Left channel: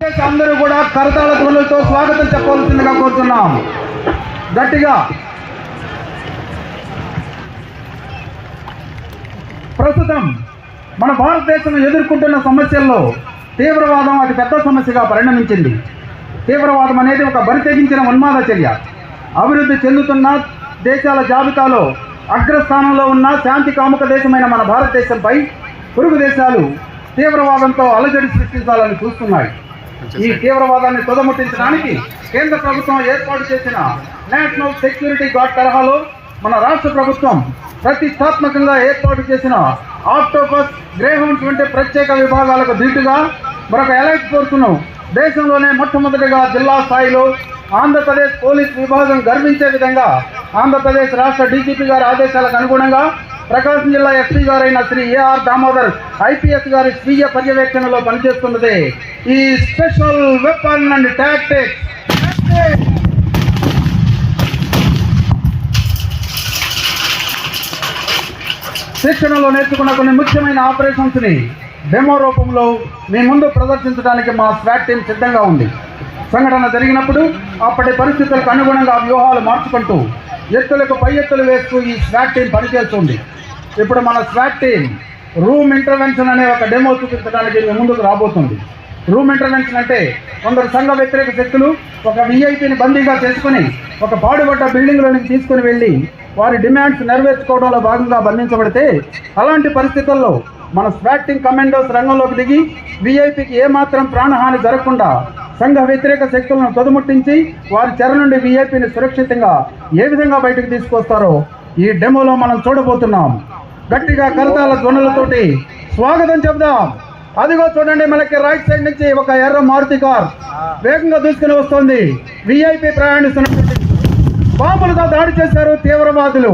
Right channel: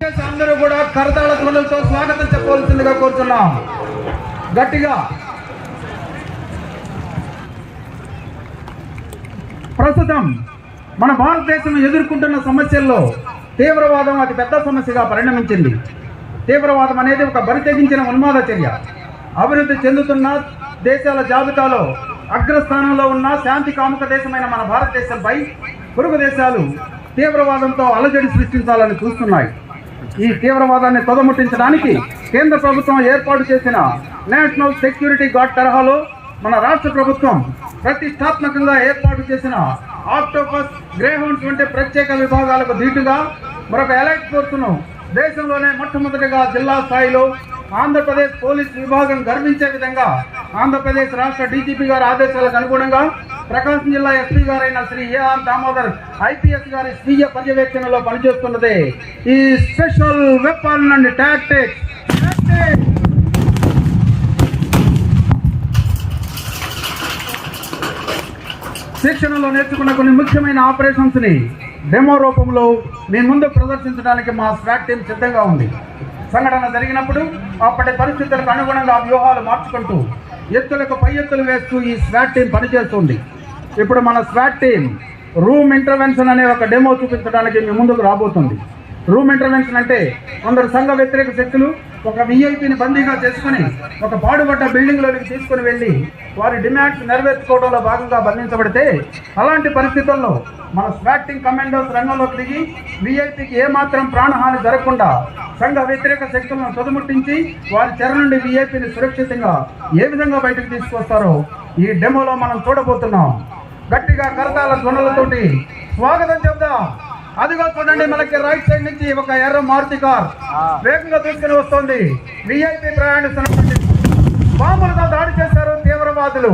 అందరూ కూడా కరతాళ ధ్వనులతో స్వాగతం చెప్పాల్సిందిగా కోరుతున్నాం. గట్టిగా. ప్రస్తుతం మన భారతదేశం ఎదుర్కొంటున్న సమస్యల్లో తీవ్రవాదం అతి పెద్ద సమస్యగా పరిణమించింది. తీవ్రవాదం అనేది ఒక బరితెగించిన ఉన్మాద చర్య. అభివృద్ధి చెందుతున్న దేశాల జాబితాలో అగ్రస్థానంలో ఉన్న శాంతి కాముక దేశమైన మన భారతదేశంపై పొరుగు దేశాలు తీవ్రవాదంతో అలజడి సృష్టించాలని చూస్తున్నాయి. ఈ తీవ్రవాదాన్ని తొదముట్టించడానికి కేంద్ర ప్రభుత్వం ఏర్పాటు చేసిన నేషనల్ సెక్యూరిటీ గార్డ్ తరహాలో మన రాష్ట్ర ప్రభుత్వం ప్రతిష్టాత్మకంగా ఏర్పాటు చేసిన ఆక్టోపస్, గ్రేహౌండ్స్ వంటి ప్రత్యేక విభాగాలకు ధీటుగా మరొక ఎలైట్ ఫోర్సును దేశంలోనే మొట్టమొదటిగా జిల్లా స్థాయిలో ఆంధ్రప్రదేశ్ పోలీస్ విభాగం గర్వించే విధంగా ఆంధ్రప్రదేశ్ రాష్ట్ర డీజీపీ గారి ఆదేశాలకు అనుగుణంగా ప్రకాశం జిల్లా ఎస్పీ గారైన శ్రీ ఏఆర్ దామోదర్ ఐపీఎస్ గారి స్వీయ పర్యవేక్షణలో పనిచేస్తున్నదే ఈ స్పెషల్ వెపన్ అండ్ టాక్టిక్స్. శిక్షణలో నేర్చుకున్న కొన్ని ముఖ్యమైన ఆపరేషన్స్ ని డెమో రూపంలో మీ ముందు ప్రదర్శించడానికి మా స్వాట్ టీం సిద్ధంగా ఉంది. సంఘటన జరిగినప్పుడు అప్పటి పరిస్థితులకు అనుగుణంగా వ్యూహాలు మార్చుకుంటూ ఎత్తులకు పై ఎత్తులు వేస్తూ ఈ స్వాట్ టీం పనిచేస్తుంది. ఇప్పుడు మన స్వాట్ టీం రూమ్ ఇంటర్వెన్షన్ అనే ఒక డెమో చూపించడానికి మీ ముందుకు రాబోతుంది. రూమ్ ఇంటర్వెన్షన్ అంటే కొందరు సంఘ వ్యతిరేక శక్తులు ఒక విఐపిని బందీగా చేసుకుని ఒక పాడుబడ్డ బిల్డింగ్లోనికి తీసుకుని వెళ్ళి వారి డిమాండ్స్ నెరవేర్చుకోవడంలో భాగంగా బంధించబడితే అలాంటి పరిస్థితుల్లో మన స్వాట్ టీం కమాండోస్ రంగంలోకి దిగి విఐపికి ఏమాత్రం ప్రాణహాని జరగకుండా సంఘ వ్యతిరేక శక్తులను తొదముట్టించి వారి చెర నుండి విఐపిని సురక్షితంగా ఏ విధంగా బయటకు తీసుకొస్తారో ఈ డెమోలో మనం చూడబోతున్నాం. గట్టిగా కరతాళ ధ్వనులతోటి స్వాగతం చెప్దాం. అదిగో చూడండి, మనకి రైట్ సైడ్ నుంచి ఒక ఎర్ర మారుతి కార్ వేగంగా దూసుకుని వస్తుంది. విఐపి ప్రయాణిస్తున్నటువంటి బాంబులతో దాడి చేశారు తీవ్రవాదులు.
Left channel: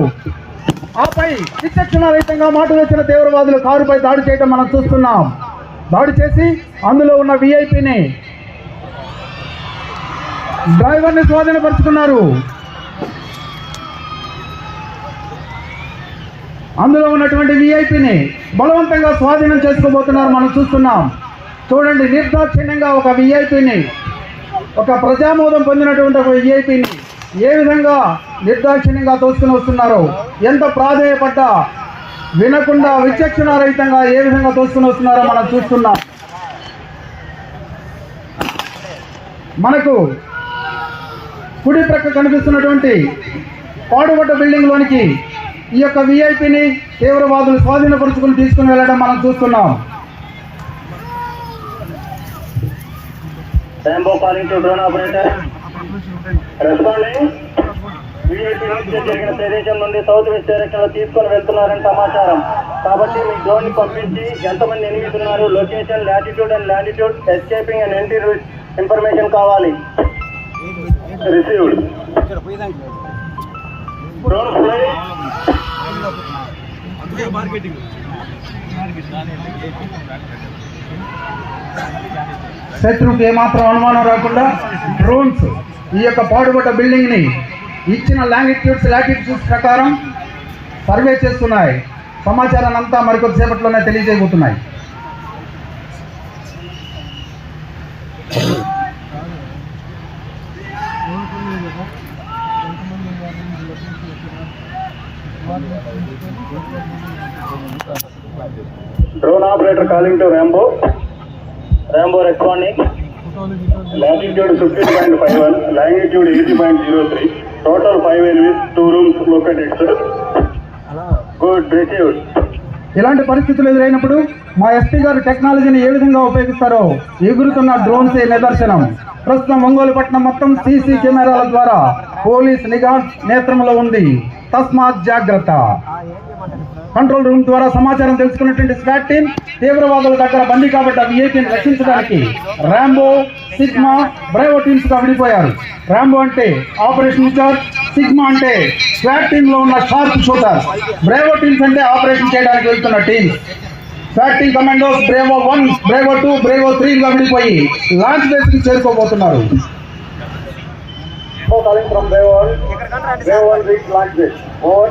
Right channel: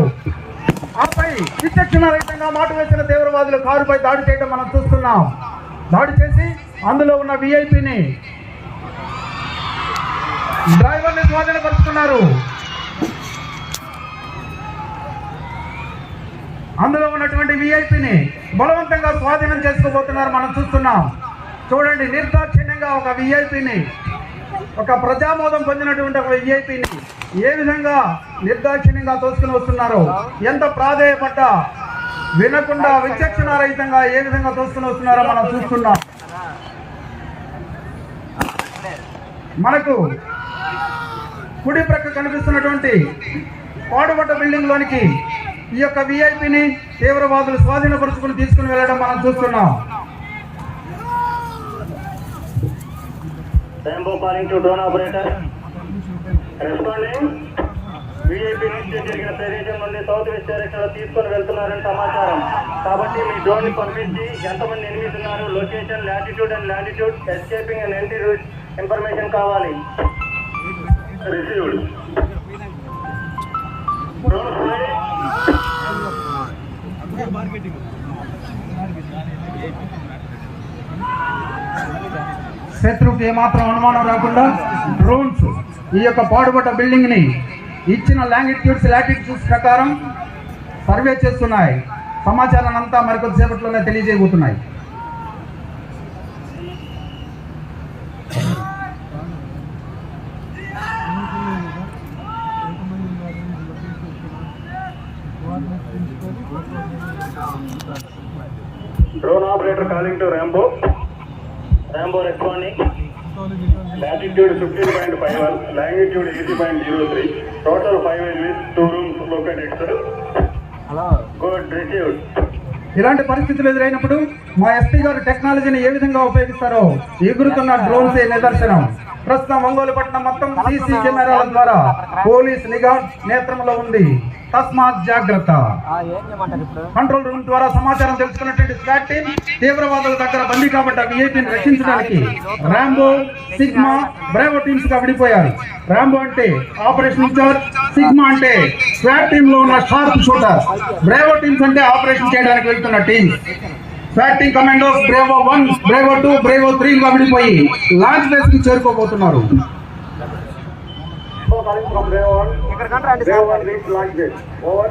ఆపై విచక్షణ రహితంగా మాట వచ్చిన తీవ్రవాదులు కారుపై దాడి చేయడం మనం చూస్తున్నాం. దాడి చేసి అందులో ఉన్న విఐపిని డ్రైవర్ని స్వాధీనపరుచుకున్నారు. అందులో ఉన్నటువంటి విఐపిని బలవంతంగా స్వాధీనం చేసుకోబోతున్నారు మనం చూస్తున్నాం. చూడండి, నిర్దాక్షిణ్యంగా ఒక విఐపిని, ఒక ప్రజామోదం పొందినటువంటి ఒక విఐపిని ఏ విధంగా నిర్దాక్షిణ్యంగా తోసుకుని వస్తున్నారు. ఎంత ప్రాధేయపడ్డా వినకుండా విచక్షణ రహితంగా ఏ విధంగా తోసుకుని వస్తున్నారో మనం చూస్తున్నాం. మనకు కుడి ప్రక్క కనిపిస్తున్నటువంటి పాడుబడ్డ బిల్డింగ్ లోనికి ఈ యొక్క విఐపిని తీవ్రవాదులు స్వాధీనపరుచుకుని తీసుకుని వెళ్ళడం మనం చూస్తున్నాం. విఐపి ఇన్సిడెంట్ జరిగిన ప్రదేశం నుండి సౌత్ వెస్ట్ డైరెక్షన్ లో తీసుకొని వెళ్తున్నారని సమాచారం. కాబట్టి ఈ డ్రోన్ ని పంపించి ఎంతమంది ఎనిమిది ఉన్నారు, location, latitude and latitude, escaping and entry route information కావాలి. రిసీవ్డ్. Drone fly. శత్రువుకి ఏమాత్రం అనుమానం రాకుండా డ్రోన్స్ ఈ యొక్క పాడుబడ్డ బిల్డింగ్ ని ఇచ్చిన లాటిట్యూడ్స్ ప్రకారం సర్వే చేస్తున్నాయి. సమాచారాన్ని అంతా మరికొద్దిసేపట్లోనే తెలియజేయబోతున్నాయి. Drone operator calling to Rambo. Rambo responding. Latitude 15.51, longitude 80.03, total 5 enemies, 2 rooms located, sir. Good, received. ఇలాంటి పరిస్థితులు ఎదురైనప్పుడు మా ఎస్పీ గారు టెక్నాలజీని ఏ విధంగా ఉపయోగిస్తారో ఎగురుతున్న డ్రోన్స్ నిదర్శనం. ప్రస్తుతం మంగోలపట్నం మొత్తం సీసీ కెమెరాల ద్వారా పోలీస్ నిఘా నేత్రంలో ఉంది. తస్మాత్ జాగ్రత్త. కంట్రోల్ రూమ్ ద్వారా సమాచారం తెలుసుకున్నటువంటి స్వాట్ టీం తీవ్రవాదుల దగ్గర బందీ కాబట్ట విఐపిని రక్షించడానికి రాంబో, సిగ్మా, బ్రేవో టీమ్స్ గా విడిపోయారు. రాంబో అంటే ఆపరేషన్ ఇన్ఛార్జ్, సిగ్మా అంటే స్వాట్ టీమ్ లో ఉన్న షార్ప్ షూటర్, బ్రేవో టీమ్స్ అంటే ఆపరేషన్ చేయడానికి వెళ్తున్న team. Swat team commandos Bravo 1, Bravo 2, Bravo 3 గా విడిపోయి లాంచ్ బేస్ కి చేరుకోబోతున్నారు. Calling from Bravo 1. Bravo 1 reach launch base. Over.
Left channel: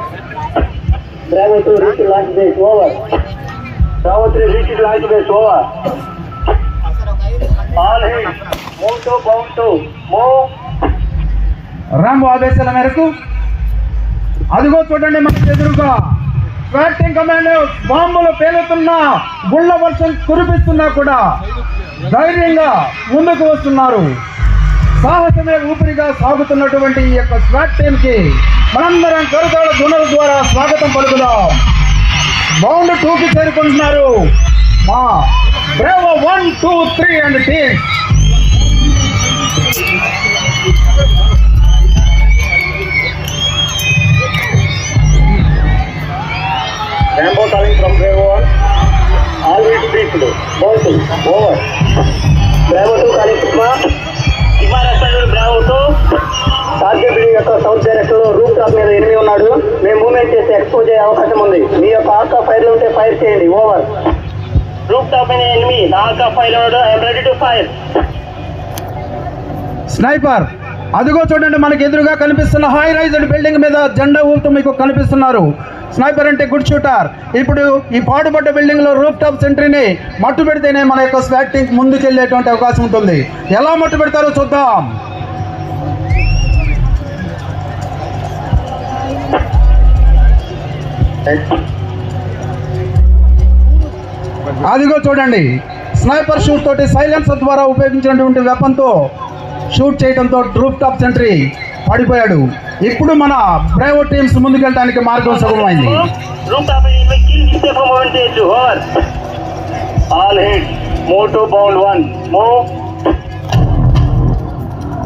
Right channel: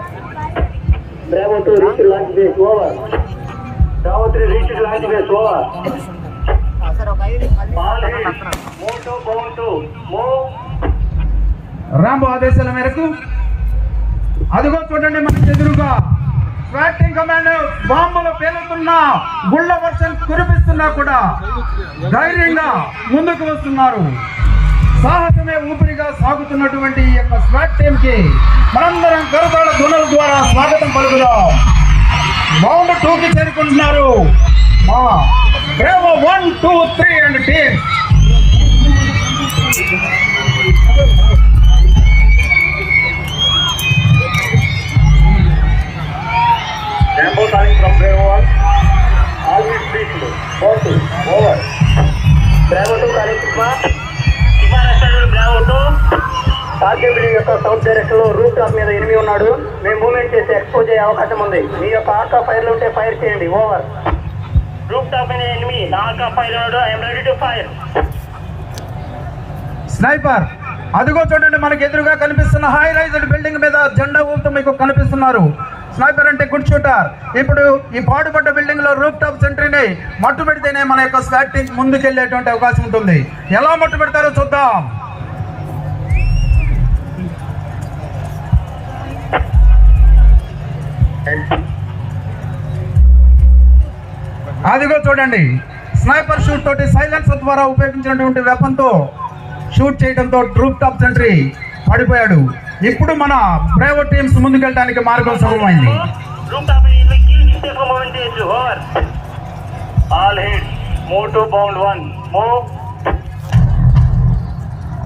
Bravo 2 reach launch base. Over. Bravo 3 reach launch base. Over. All hands. Move. Rambo ఆదేశాల మేరకు అదిగో చూడండి మనకు ఎదురుగా స్వాటింగ్ commando బాంబులు పేలుతున్నా గుళ్ళ వర్షం కురిపిస్తున్నా కూడా ధైర్యంగా ముందుకు వస్తున్నారు. సాహసమే ఊపిరిగా సాగుతున్నటువంటి ఈ యొక్క స్వాట్ టీమ్ కి మనందరం కరుతాళ ధ్వనుల ద్వారా స్వాగతం పలుకుదాం. రౌండ్ 2 కి చేరుకుంటున్నారు. Bravo 1, 2, 3 and team. Tempo coming from Bravo 1. All way to people. Over. Bravo 2 కలుస్తున్నా. విమానాశ్రయంలో Bravo 2. టార్గెట్ బిల్డింగ్ యొక్క సౌత్ డైరెక్షన్ లో రూఫ్ టాప్ మీద ఎనిమి ఉన్నాడు. మేము మూవ్మెంట్ చేసి ఎక్స్పోజ్ అయ్యే అవకాశం ఉంది. మీ యొక్క ఆర్క్ ఫైర్ ఉంటే ఫైర్ చేయండి. ఓవర్. రూఫ్ టాప్ మీద ఎనిమి ఆర్క్ ఫైర్ ఉన్నాడు. I'm ready to fire. Sniper అదిగో చూడండి మనకి ఎదురుగా కనిపిస్తున్న హై రైజ్డ్ బిల్డింగ్ మీద జెండా ఊపుతూ మీకు కనిపిస్తున్నారు. స్నైపర్ అంటే గుడ్ షూటర్. ఇప్పుడు ఈ పాడుపడ్డ బిల్డింగ్ లో రూఫ్ టాప్ సెంట్రీని మట్టు పెడితేనే మన యొక్క స్వాట్ టీం ముందుకెళ్లేటువంటి అవకాశం ఉంటుంది. ఎలా మట్టు పెడతారో చూద్దాం. అదిగో చూడండి స్నైపర్ షూట్ తోటి సైలెన్సర్ ద్వారా ఉపయోగించినటువంటి వెపన్ తో షూట్ చేయడంతో రూఫ్ టాప్ సెంట్రీ పడిపోయాడు. ఇప్పుడు మన ప్రైవేట్ టీమ్స్ ముందుకెళ్ళడానికి మార్గం సులభమైంది. రూఫ్ టాప్ మీద కిల్ చేసే మూవ్మెంట్ చేయొచ్చు. Over. All hit. Move to bound 1. Move.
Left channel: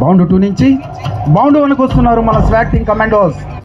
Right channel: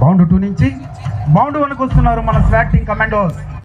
Bound 2 నుంచి బౌండ్ 1కు వస్తున్నారు మన స్వాట్ టీం కమాండోస్.